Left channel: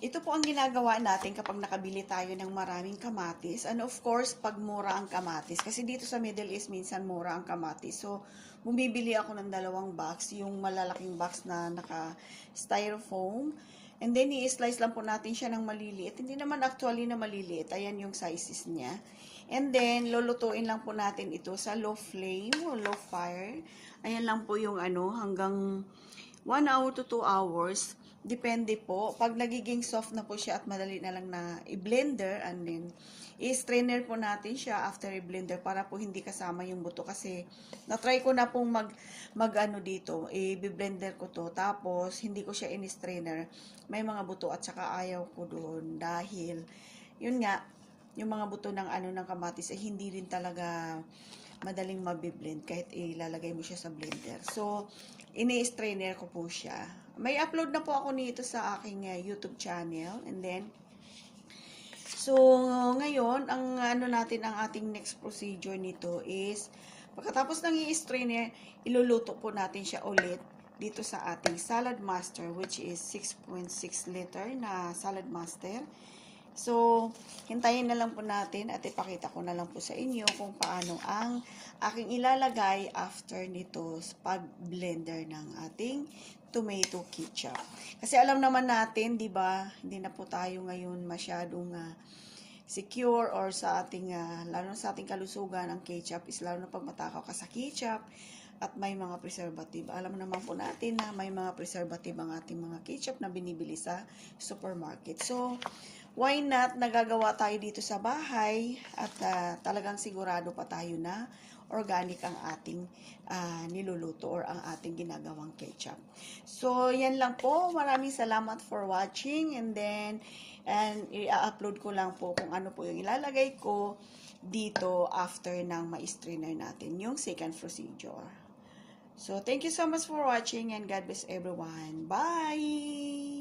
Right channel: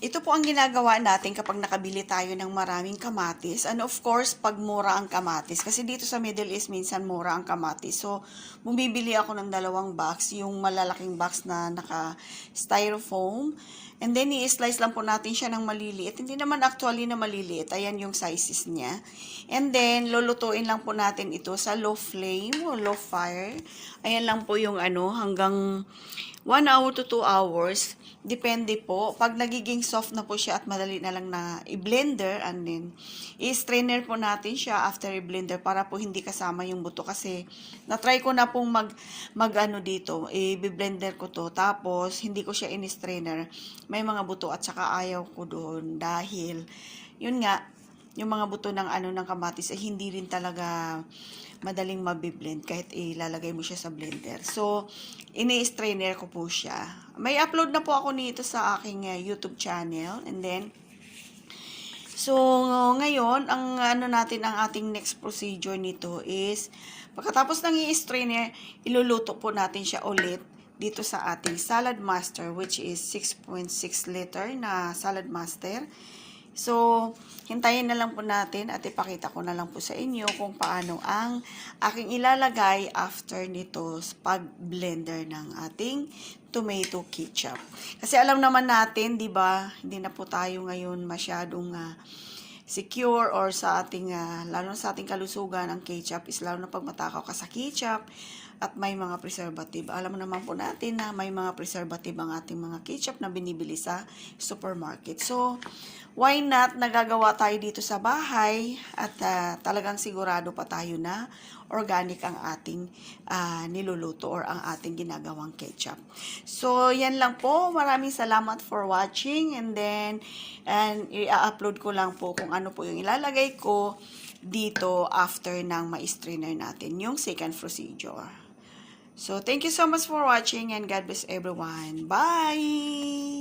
ito po ang ginagawa natin kapag nakabili tayo ng maraming kamatis. And of course, pag mura ang kamatis. Kasi dito sa Middle East, minsan mura ang kamatis. So, bumibili ako ng 2 box. Yung malalaking box na naka-styrofoam. And then, i-slice lang po natin siya ng maliliit. Hindi naman actually na maliliit. Ayan yung sizes niya. And then, lulutuin lang po natin ito sa low flame o low fire. Ayan lang po yung hanggang 1 hour to 2 hours. Depende po. Pag nagiging soft na po siya at madali na lang na i-blender, and then i-strainer po natin siya after i-blender para po hindi kasama yung buto. Kasi na-try ko na pong dito, i-blender ko to. Tapos, hindi ko siya in-strainer. May mga buto at saka ayaw ko doon dahil, yun nga, yung mga buto ng ng kamatis ay hindi rin talaga madaling mabiblend kahit ilalagay mo siya sa blender. So, ini-strainer ko po siya. May upload na po ako nito sa aking YouTube channel. And then, so, ngayon, ang natin, ang ating next procedure nito is, pagkatapos ng i-strainer, iluluto po natin siya ulit dito sa ating salad master, which is 6.6 liter na salad master. So, hintayin na lang po natin at ipakita ko na lang po sa inyo kung paano ang aking ilalagay after nito pag-blender ng ating tomato ketchup. Kasi alam naman natin, di ba, hindi na po tayo ngayon masyadong secure or sa ating, lalo sa ating kalusugan, ang ketchup is lalo na pag matakaw ka sa ketchup at may mga preservative. Alam naman po natin na may mga preservative ang ating mga ketchup na binibili sa supermarket. So, why not nagagawa tayo dito sa bahay at talagang sigurado pa tayo na organic ang ating niluluto or ang ating ginagawang ketchup. So, yan lang po. Maraming salamat for watching, and then i-upload ko lang po kung ano po yung ilalagay ko dito after ng ma-strainer natin yung second procedure. So, thank you so much for watching, and God bless everyone. Bye!